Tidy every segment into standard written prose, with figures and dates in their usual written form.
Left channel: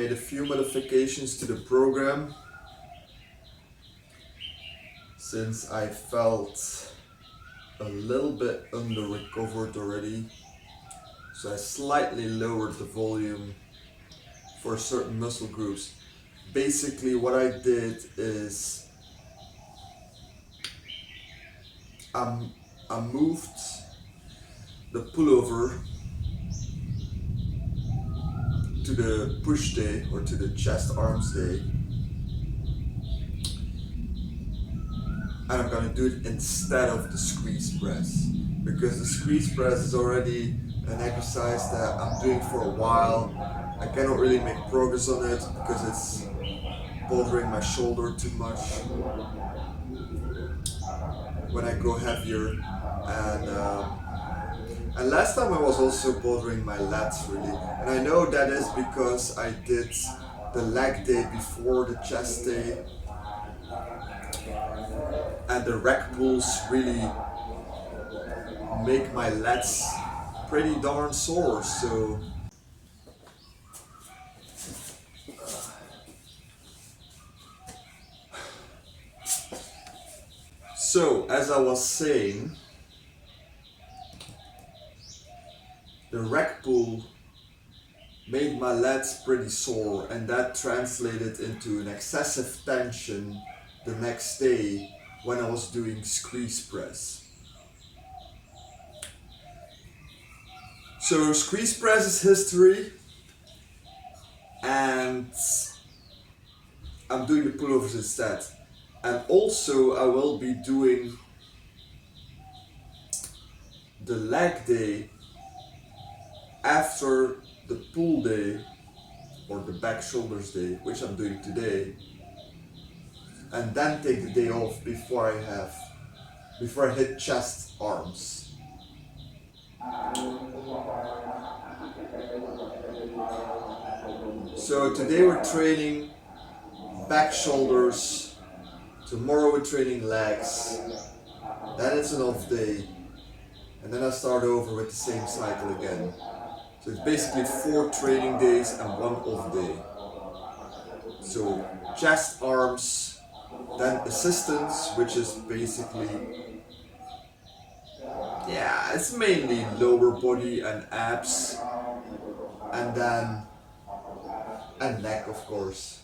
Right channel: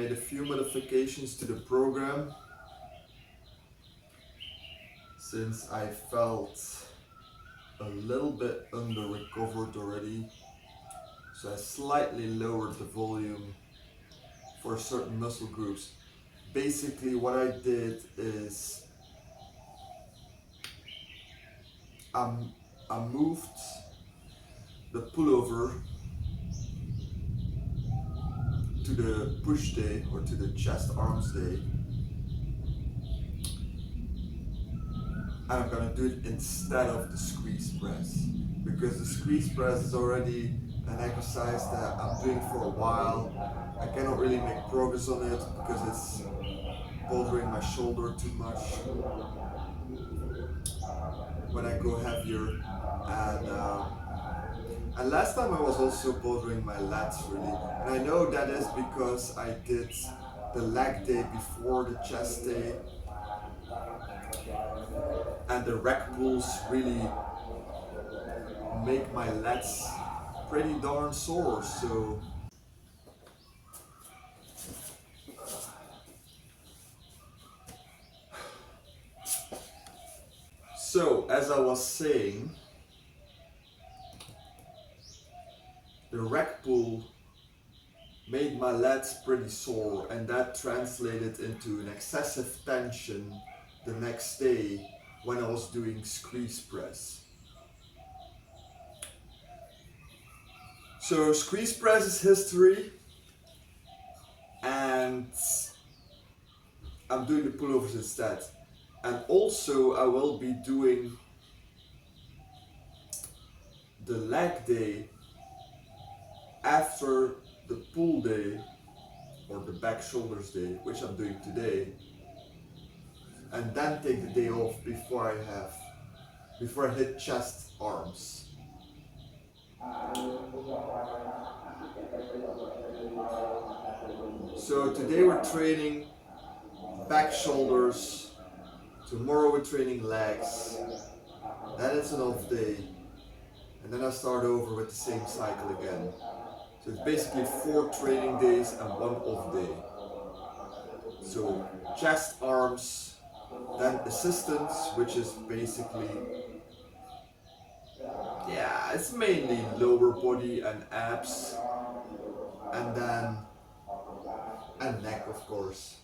made a few modifications to the program since I felt a little bit under recovered already. So I slightly lowered the volume for certain muscle groups. Basically what I did is I moved the pullover to the push day or to the chest arms day, and I'm gonna do it instead of the squeeze press, because the squeeze press is already an exercise that I'm doing for a while. I cannot really make progress on it because it's bothering my shoulder too much when I go heavier, and last time I was also bothering my lats really, and I know that is because I did the leg day before the chest day, and the rack pulls really make my lats pretty darn sore. So as I was saying, the rack pull made my lats pretty sore, and that translated into an excessive tension the next day when I was doing squeeze press. So squeeze press is history, and I'm doing the pullovers instead. And also I will be doing the leg day after the pull day or the back shoulders day, which I'm doing today, and then take the day off before I hit chest arms. So today we're training back shoulders, tomorrow we're training legs, then it's an off day, and then I start over with the same cycle again. So it's basically 4 training days and 1 off day. So chest, arms, then assistance, which is basically, yeah, it's mainly lower body and abs, and neck, of course.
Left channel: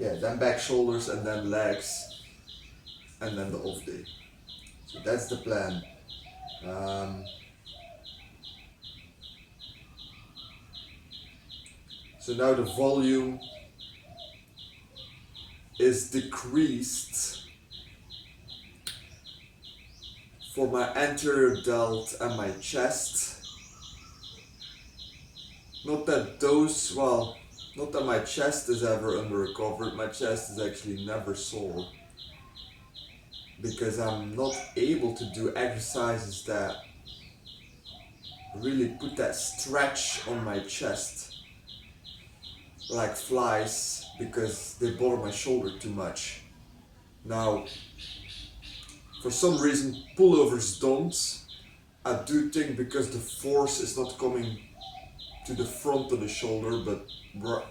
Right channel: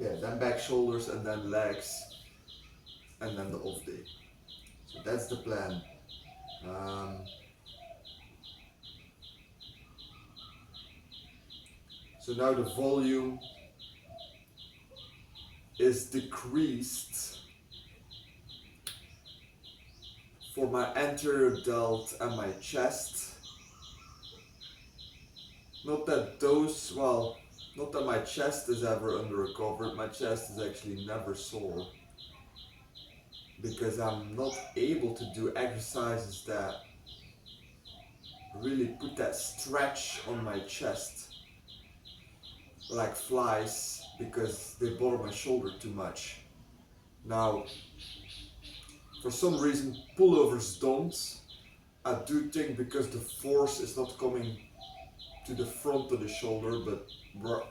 Yeah, then back shoulders, and then legs, and then the off day. So that's the plan. So now the volume is decreased for my anterior delt and my chest. Not that my chest is ever under recovered. My chest is actually never sore, because I'm not able to do exercises that really put that stretch on my chest, like flies, because they bother my shoulder too much. Now, for some reason, pullovers don't. I do think because the force is not coming to the front of the shoulder, but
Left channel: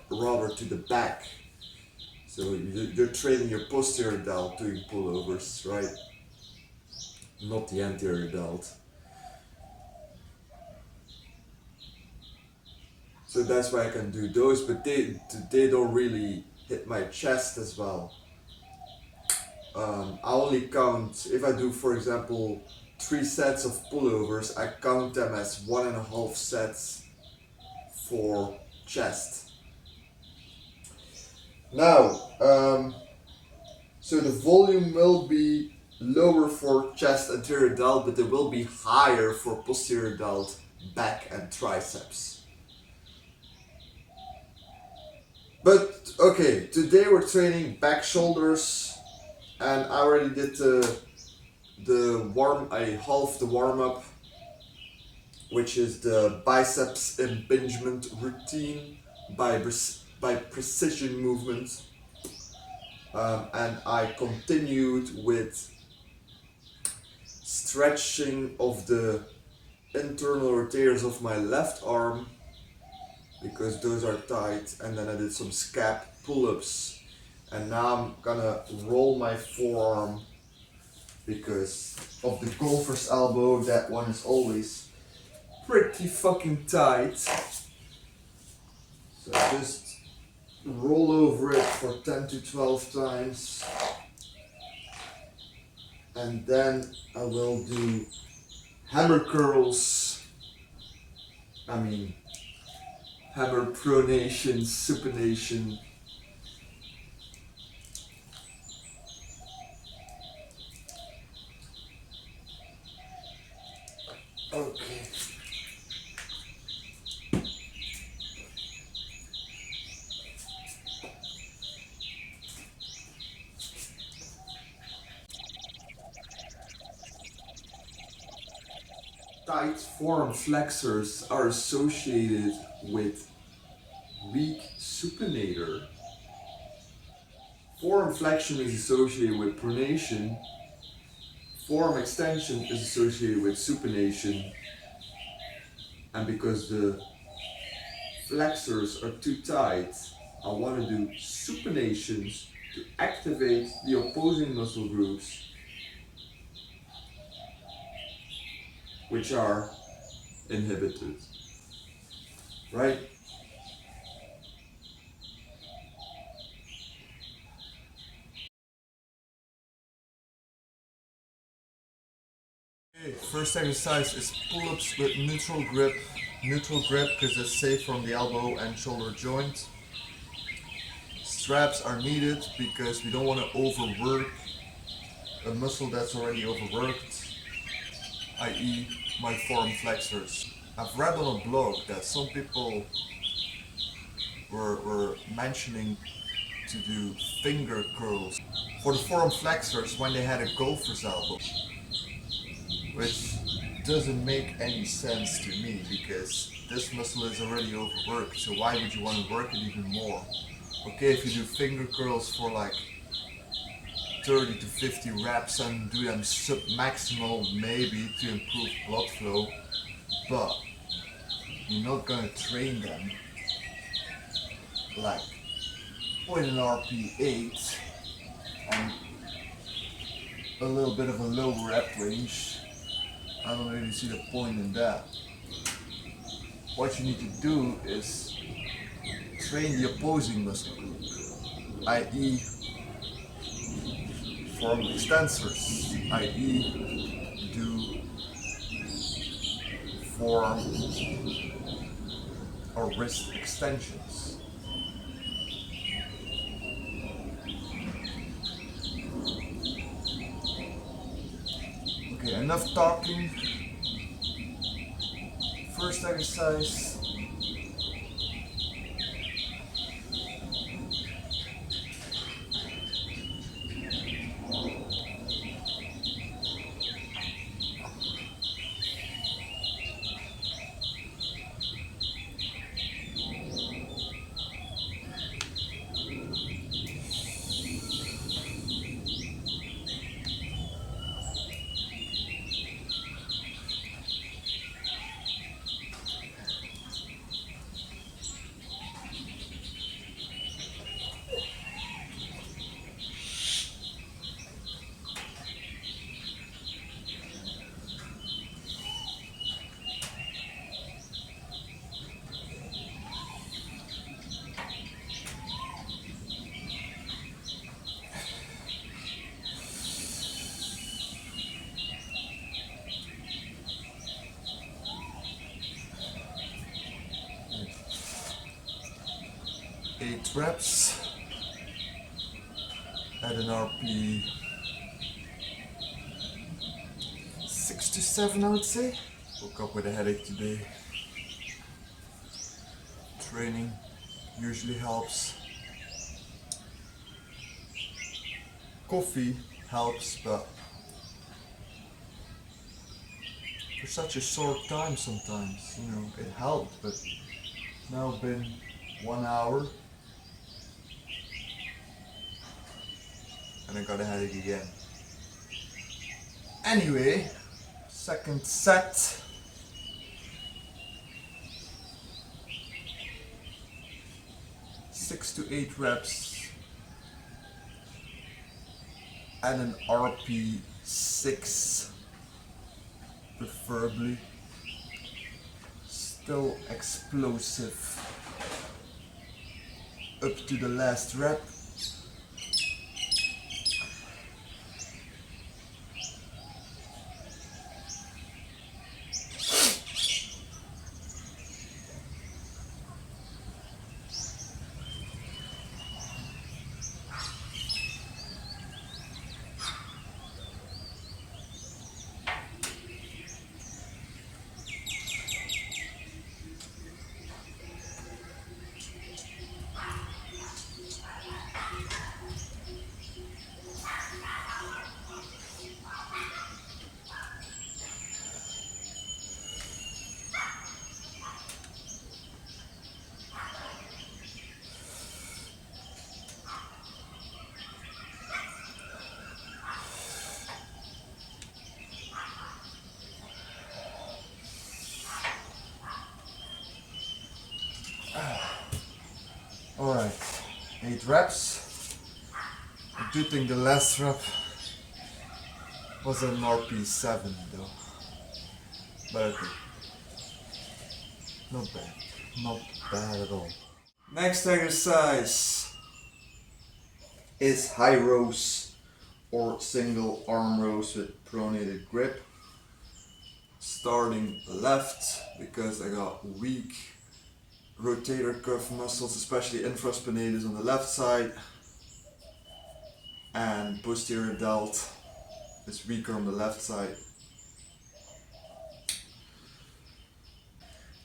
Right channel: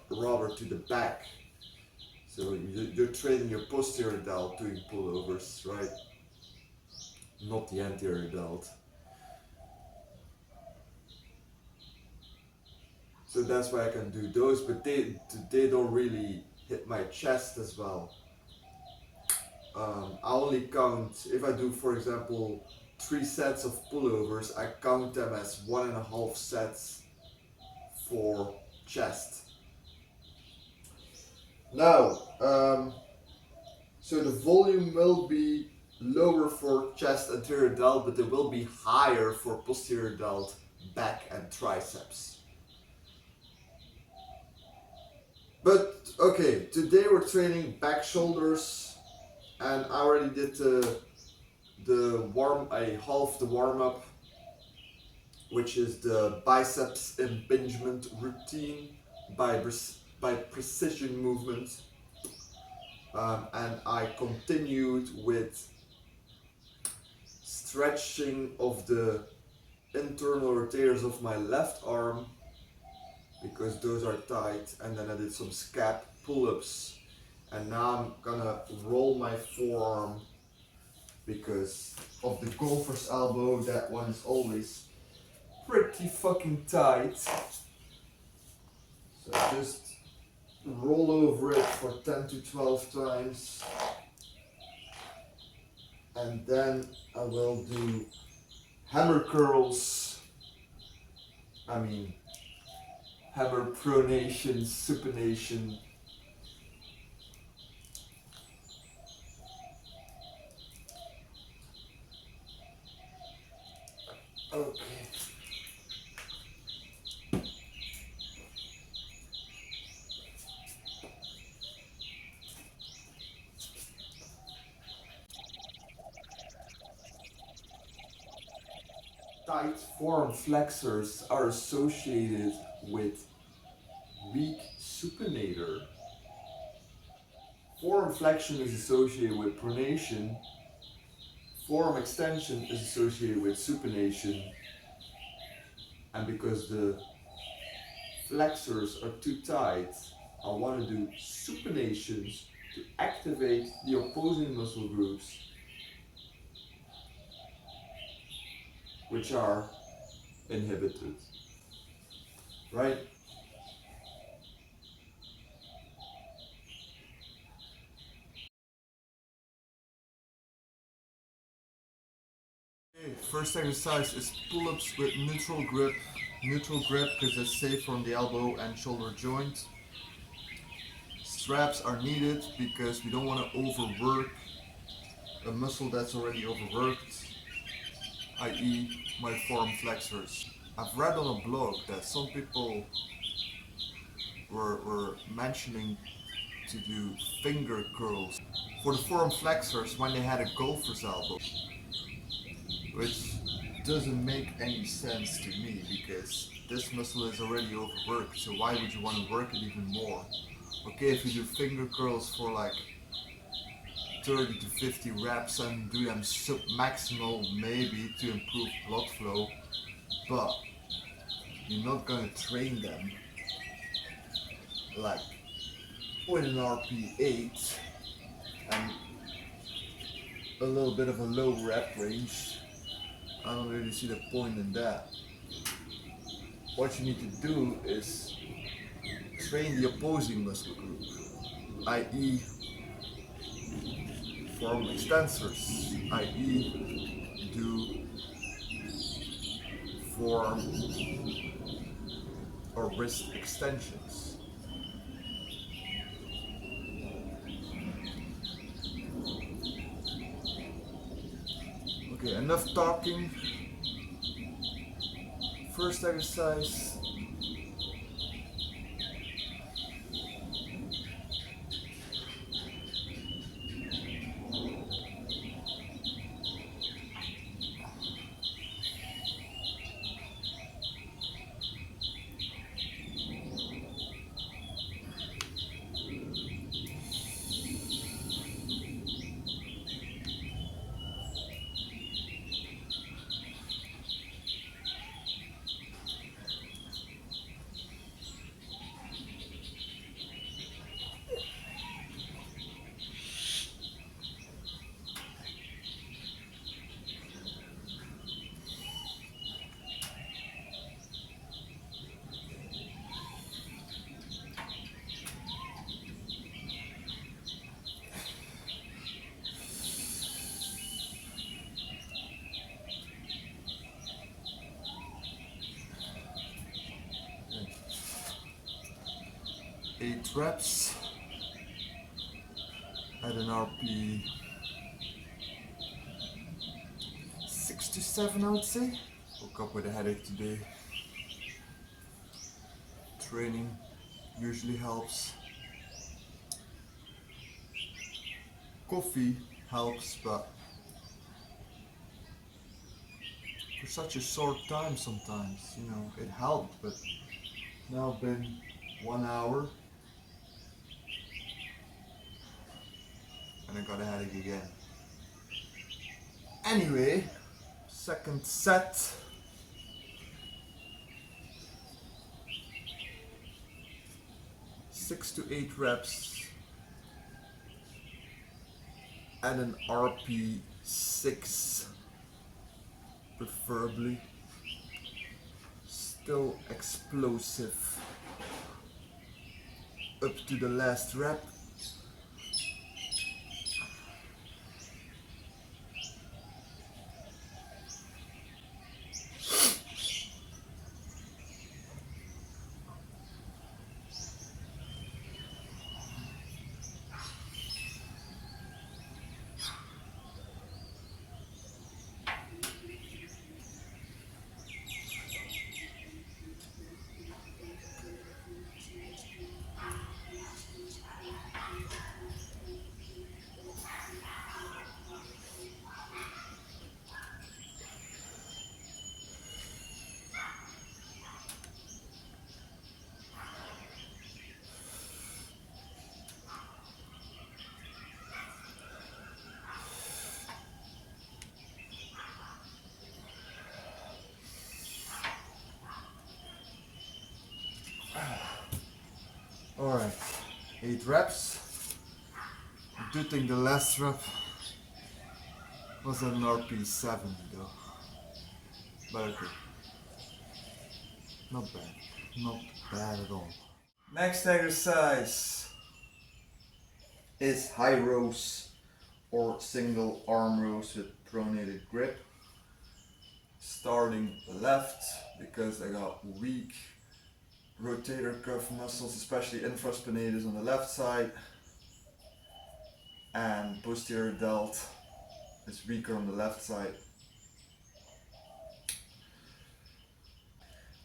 rather to the back. So you're training your posterior delt doing pullovers, right? Not the anterior delt. So that's why I can do those, but they don't really hit my chest as well. I only count, if I do, for example, 3 sets of pullovers, I count them as 1.5 sets for chest. Now, so the volume will be lower for chest anterior delt, but it will be higher for posterior delt, back and triceps. But okay, today we're training back shoulders, and I already did I halved the warm up, which is the biceps impingement routine by precision movement, and I continued with stretching of the internal rotators of my left arm because those are tight, and then I did some scap pull-ups, and now I'm gonna roll my forearm because of the golfer's elbow. That one is always pretty fucking tight, so just roll over it for 10 to 12 times, and then I will do hammer curls, hammer pronation, supination. Okay. Tight forearm flexors are associated with weak supinator. Forearm flexion is associated with pronation. Forearm extension is associated with supination. And because the flexors are too tight, I want to do supinations to activate the opposing muscle groups, which are inhibited. Right? Okay, first exercise is pull-ups with neutral grip. Neutral grip because it's safe from the elbow and shoulder joint. Straps are needed because we don't want to overwork a muscle that's already overworked, i.e. my forearm flexors. I've read on a blog that some people were mentioning to do finger curls for the forearm flexors when they had a golfer's elbow, which doesn't make any sense to me because this muscle is already overworked, so why would you want to work it even more? Okay, if you do finger curls for like 30 to 50 reps and do them sub-maximal maybe to improve blood flow, but you're not gonna train them like with an RP8 and a little bit of a low rep range. I don't really see the point in that. What you need to do is train the opposing muscle group, i.e. forearm extensors, i.e. do forearm or wrist extensions. Okay, enough talking. First exercise. Eight reps at an RP 6 to 7, I would say. Woke up with a headache today. Training usually helps. Coffee helps, but for such a short time sometimes, it helped, but now been 1 hour and I got a headache again. Anyway, Second set. Six to 8 reps and an RP6 preferably. Still explosive up to the last rep. Alright, 8 reps. I do think the last rep was an RP7 though. But okay. Not bad. Not bad at all. Next exercise is high rows or single arm rows with pronated grip. Starting left because I got weak rotator cuff muscles, especially infraspinatus on the left side, and posterior delt is weaker on the left side.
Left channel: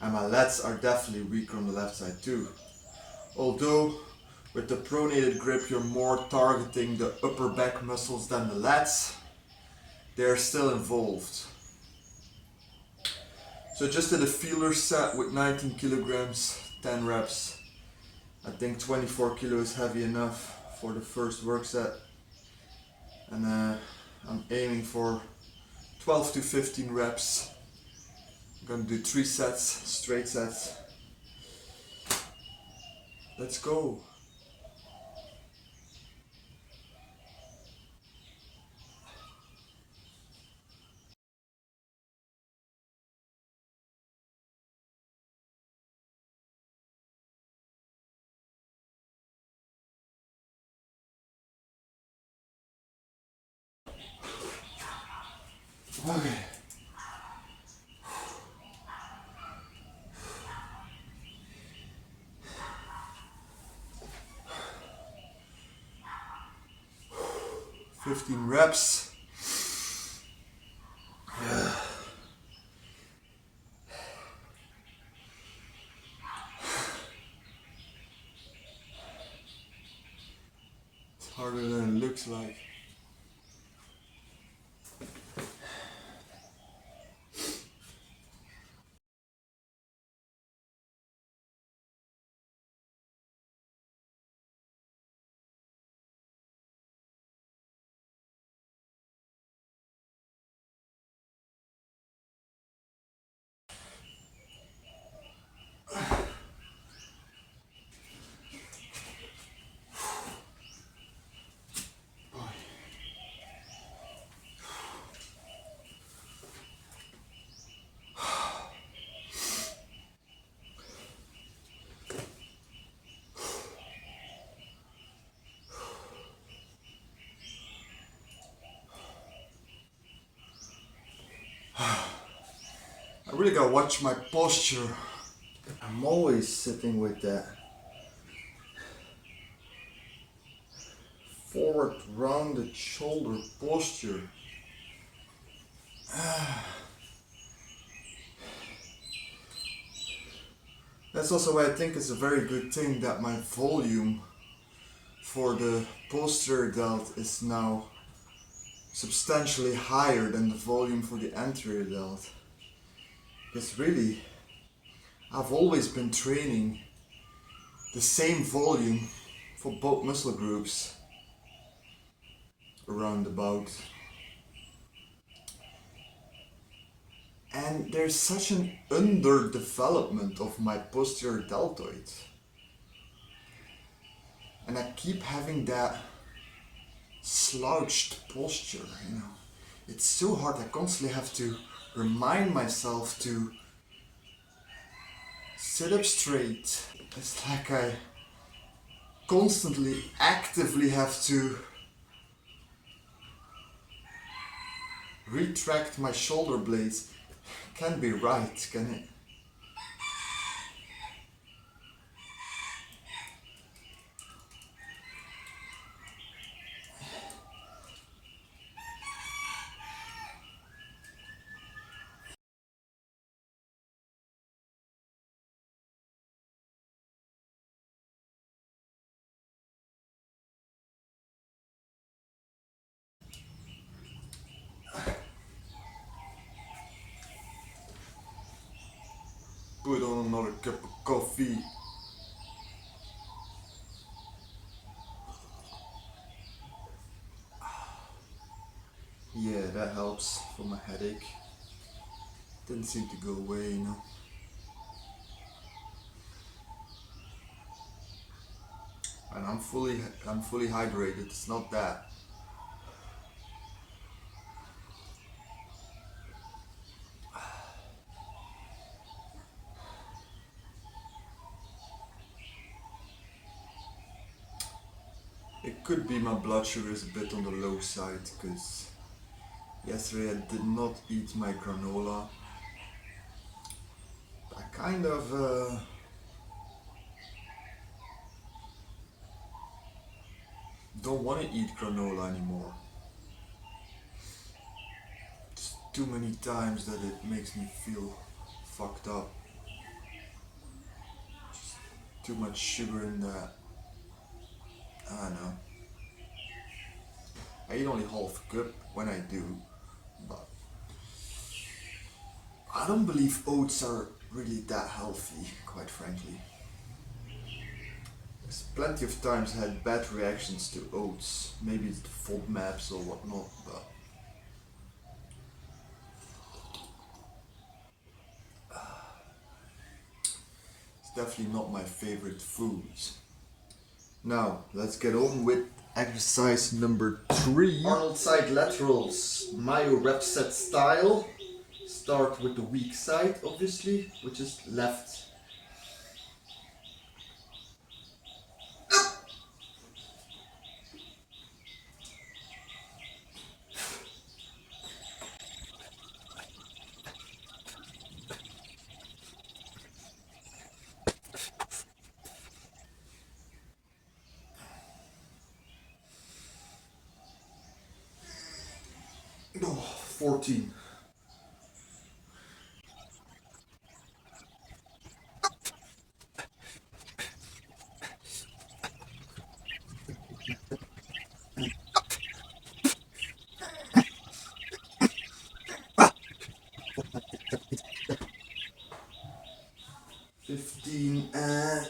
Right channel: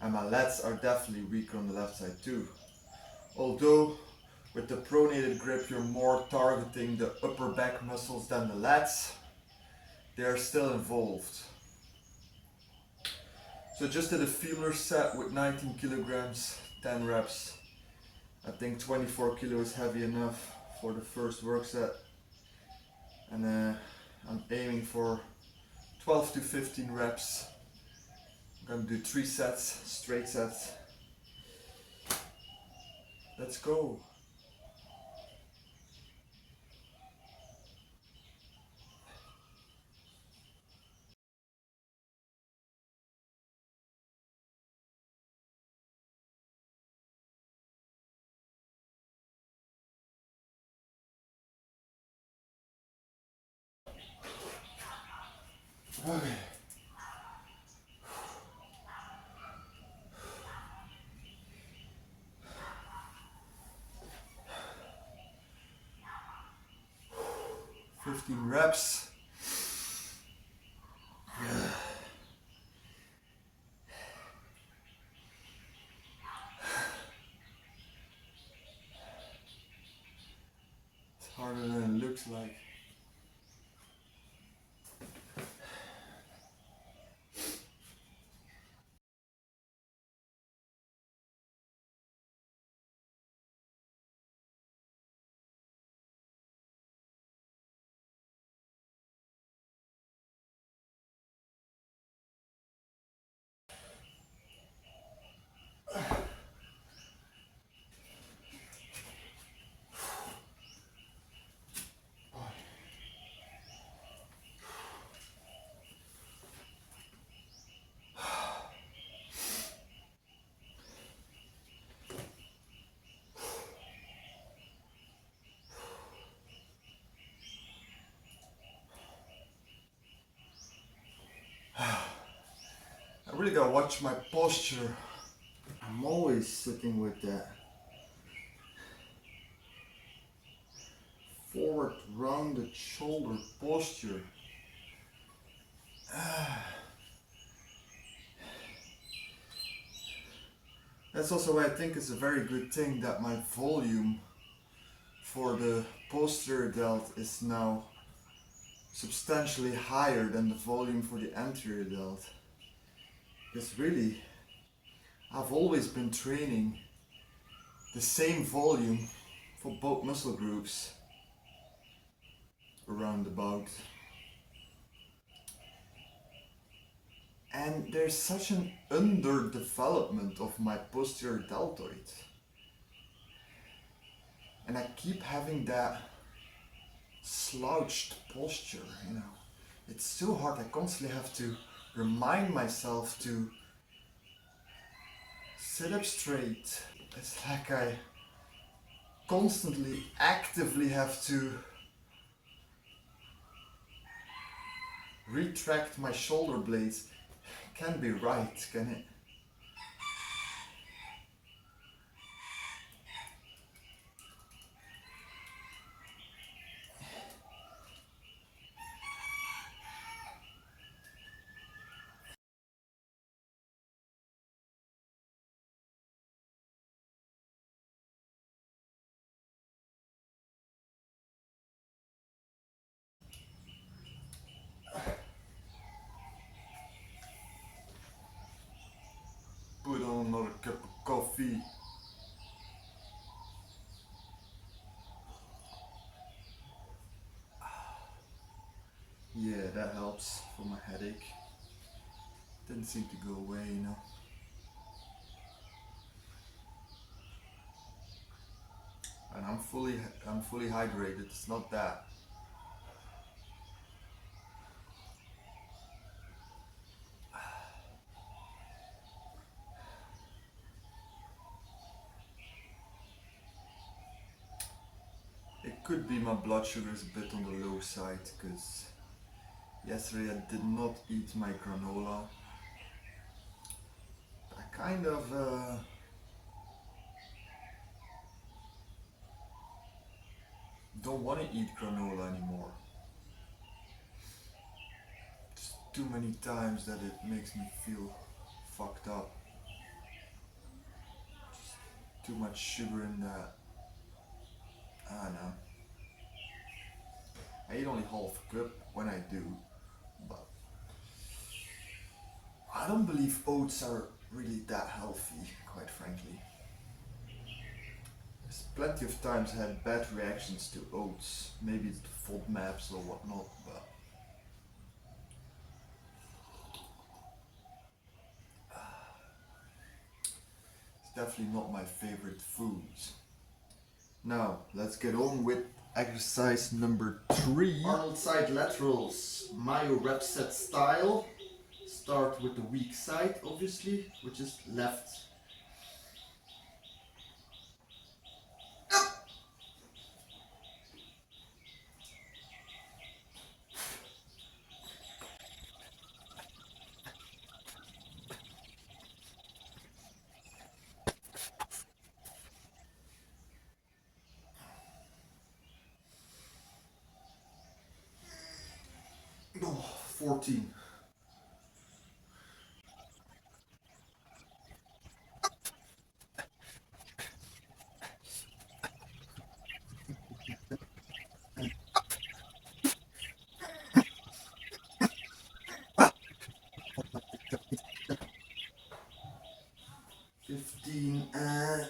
And my lats are definitely weaker on the left side too. Although with the pronated grip you're more targeting the upper back muscles than the lats, they are still involved. So just did a feeler set with 19 kilograms, 10 reps. I think 24 kilos is heavy enough for the first work set. And I'm aiming for 12 to 15 reps. I'm gonna do 3 sets, straight sets. Let's go. Okay. Fifteen reps. It's harder than it looks like. I really gotta watch my posture. I'm always sitting with that forward rounded shoulder posture. That's also why I think it's a very good thing that my volume for the posterior delt is now substantially higher than the volume for the anterior delt. Because really, I've always been training the same volume for both muscle groups around about. And there's such an underdevelopment of my posterior deltoid. And I keep having that slouched posture, you know. It's so hard. I constantly have to remind myself to sit up straight. It's like I constantly, actively have to retract my shoulder blades. Can't be right, can it? Put on another cup of coffee. Yeah, that helps for my headache. Didn't seem to go away, you know. And I'm fully hydrated. It's not that. It could be my blood sugar is a bit on the low side because yesterday I did not eat my granola. I kind of don't want to eat granola anymore. It's too many times that it makes me feel fucked up. Just too much sugar in that. I don't know. I eat only half a cup when I do, but I don't believe oats are really that healthy, quite frankly. There's plenty of times I had bad reactions to oats. Maybe it's the FODMAPs or whatnot, but it's definitely not my favorite foods. Now, let's get on with exercise number 3. Arnold side laterals, Mayo rep set style. Start with the weak side, obviously, which is left. Oh, 14. And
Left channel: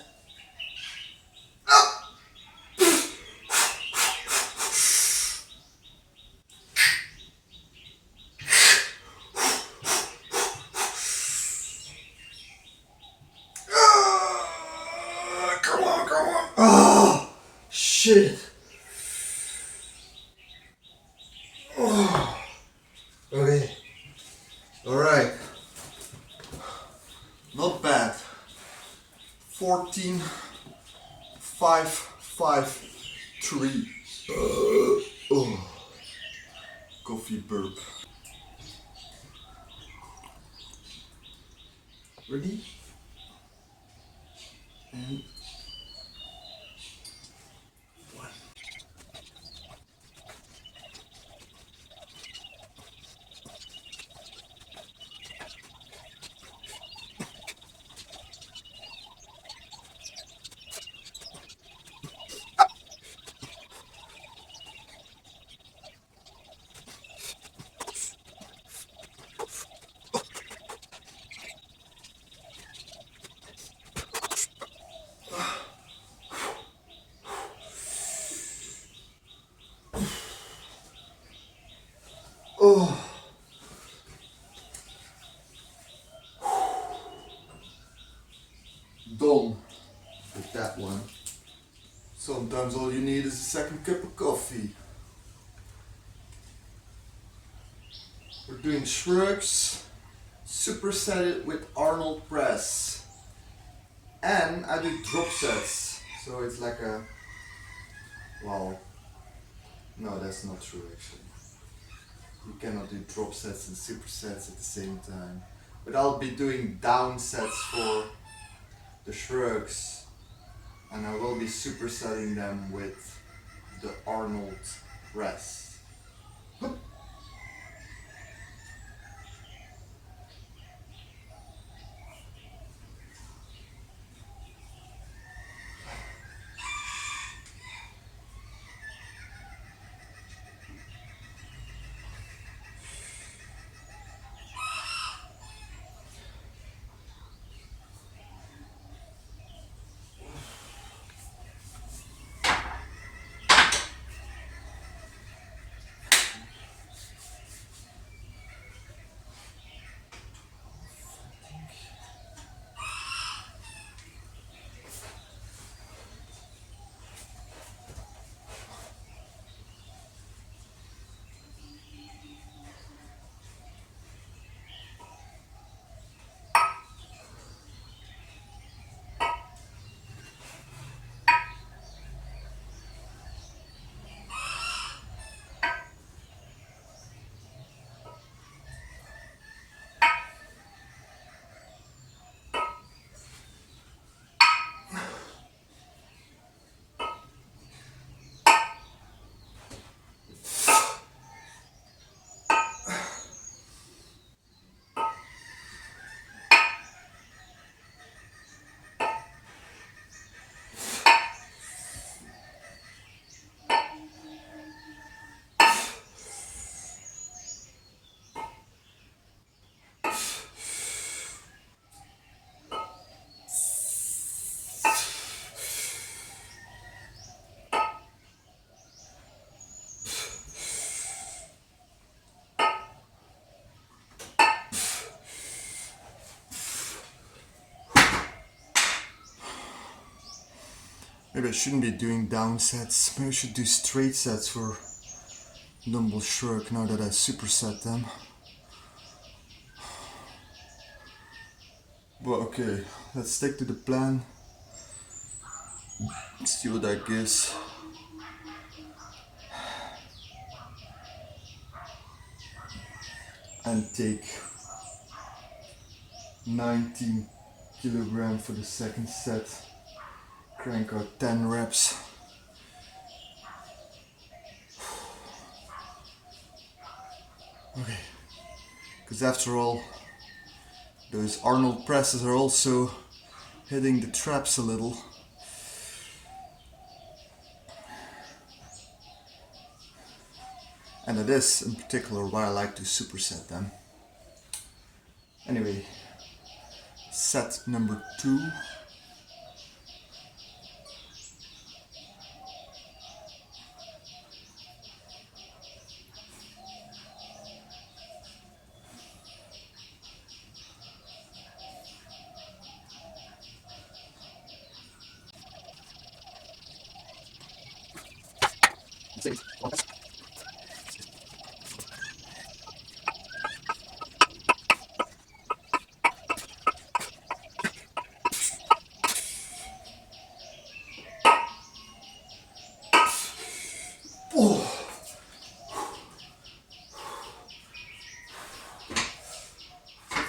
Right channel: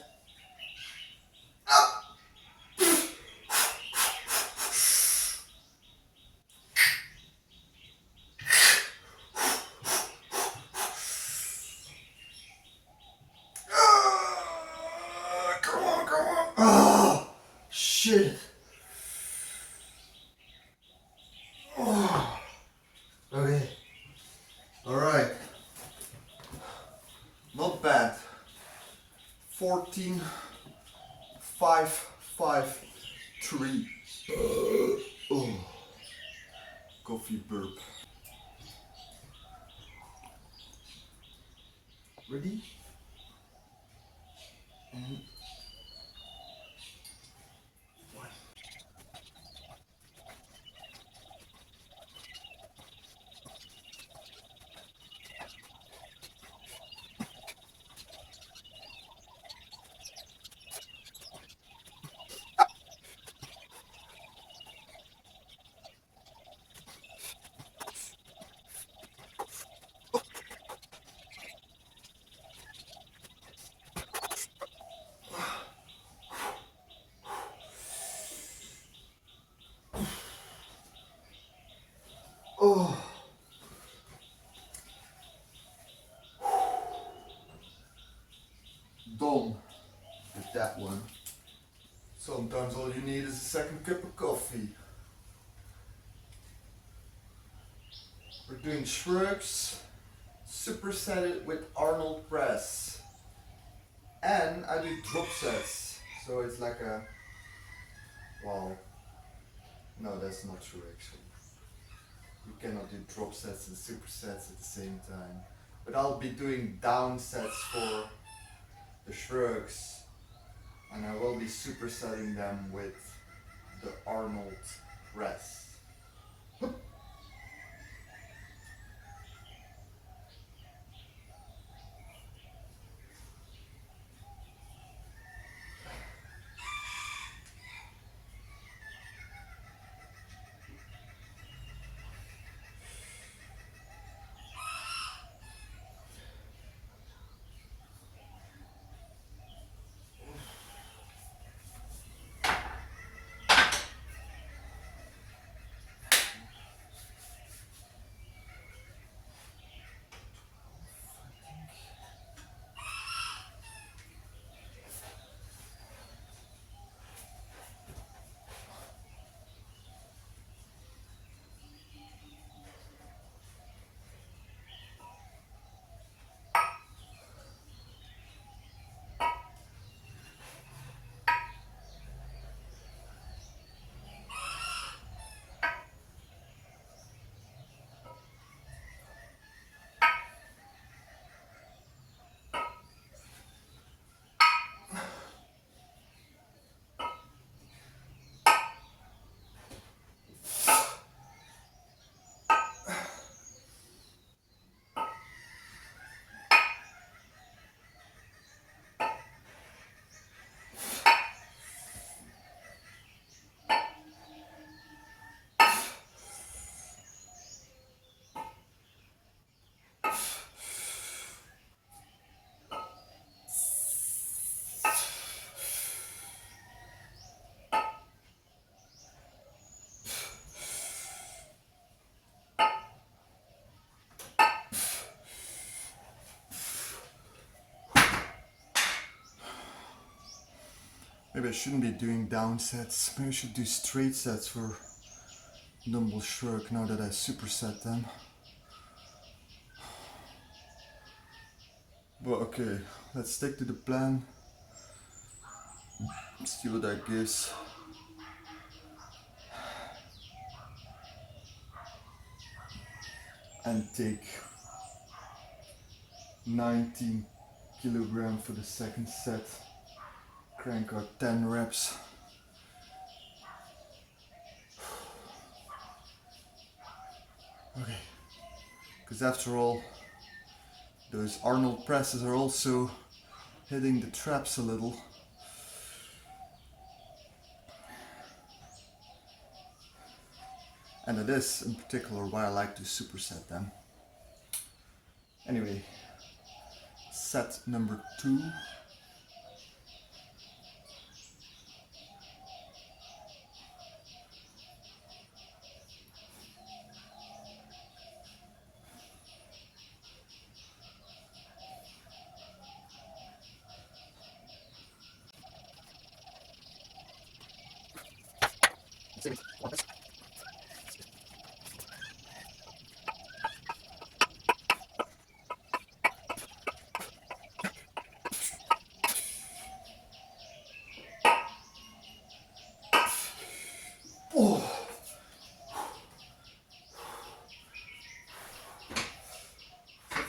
come on, come on. Oh, shit. Oh, okay. Alright. Not bad. 14, 5, 5, 3. Oh, coffee burp. Ready? And one. 5, that one. Sometimes all you need is a second cup of coffee. We're doing shrugs, supersetted with Arnold press. And I do drop sets. So it's like a, well, no, that's not true actually. You cannot do drop sets and supersets at the same time. But I'll be doing down sets for the shrugs. And I will be supersetting them with the Arnold press. Maybe I shouldn't be doing down sets. Maybe I should do straight sets for dumbbell shrug now that I superset them. But okay, let's stick to the plan. See what that gives. And take 19 kilograms for the second set. Crank out 10 reps. Okay, because after all, those Arnold presses are also hitting the traps a little. And it is in particular why I like to superset them. Anyway, set number 2.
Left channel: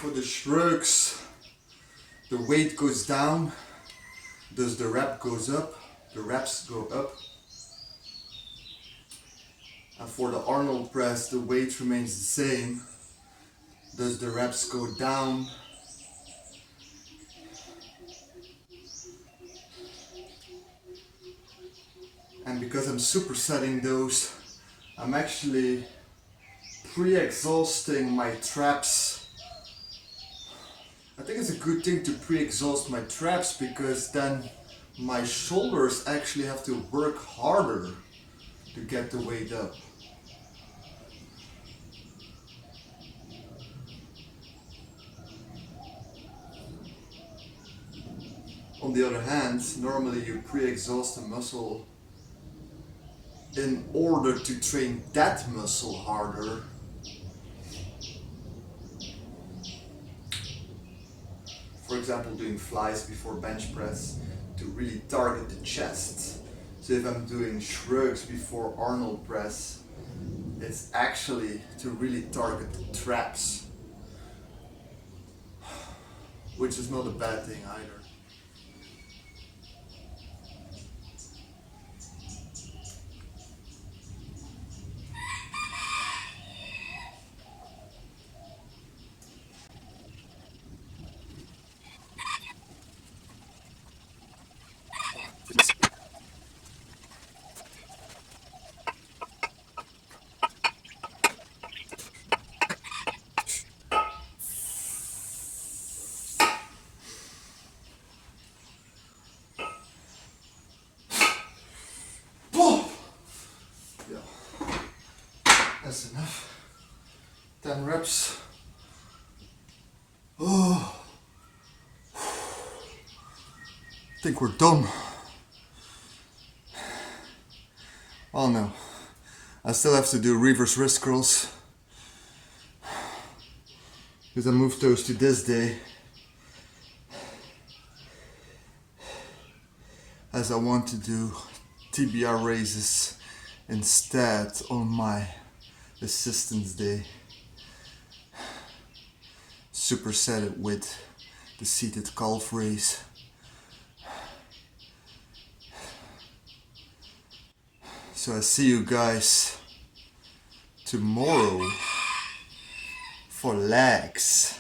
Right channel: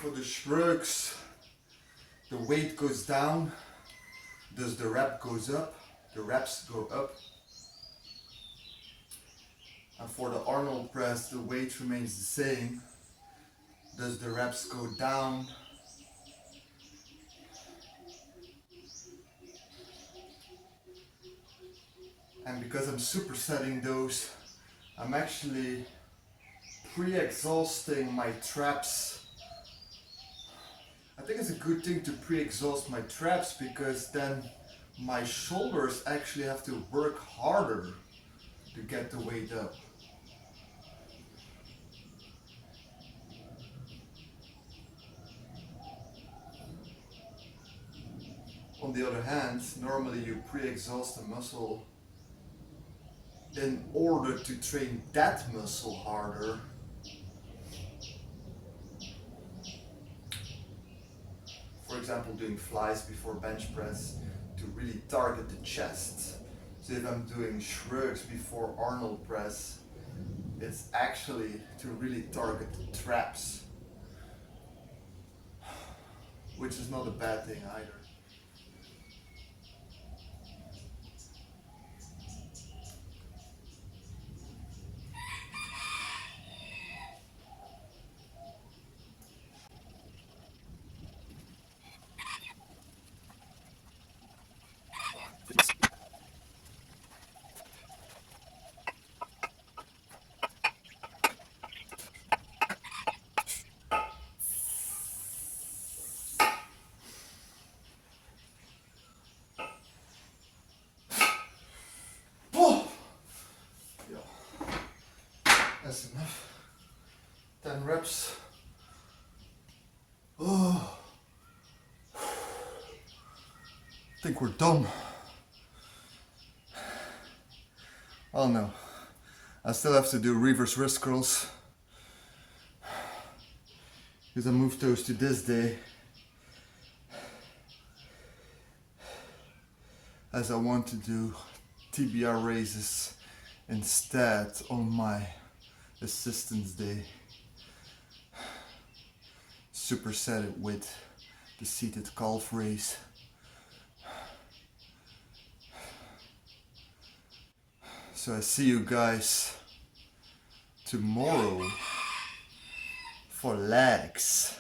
For the shrugs, the weight goes down, thus the rep goes up, the reps go up. And for the Arnold press, the weight remains the same, thus the reps go down. And because I'm supersetting those, I'm actually pre-exhausting my traps. I think it's a good thing to pre-exhaust my traps because then my shoulders actually have to work harder to get the weight up. On the other hand, normally you pre-exhaust the muscle in order to train that muscle harder. For example, doing flies before bench press to really target the chest. So if I'm doing shrugs before Arnold press, it's actually to really target the traps, which is not a bad thing either. That's enough. 10 reps. Oh, I think we're done. Oh no, I still have to do reverse wrist curls because I moved those to this day as I want to do TBR raises instead on my assistance day. Superset it with the seated calf raise. So I see you guys tomorrow for legs.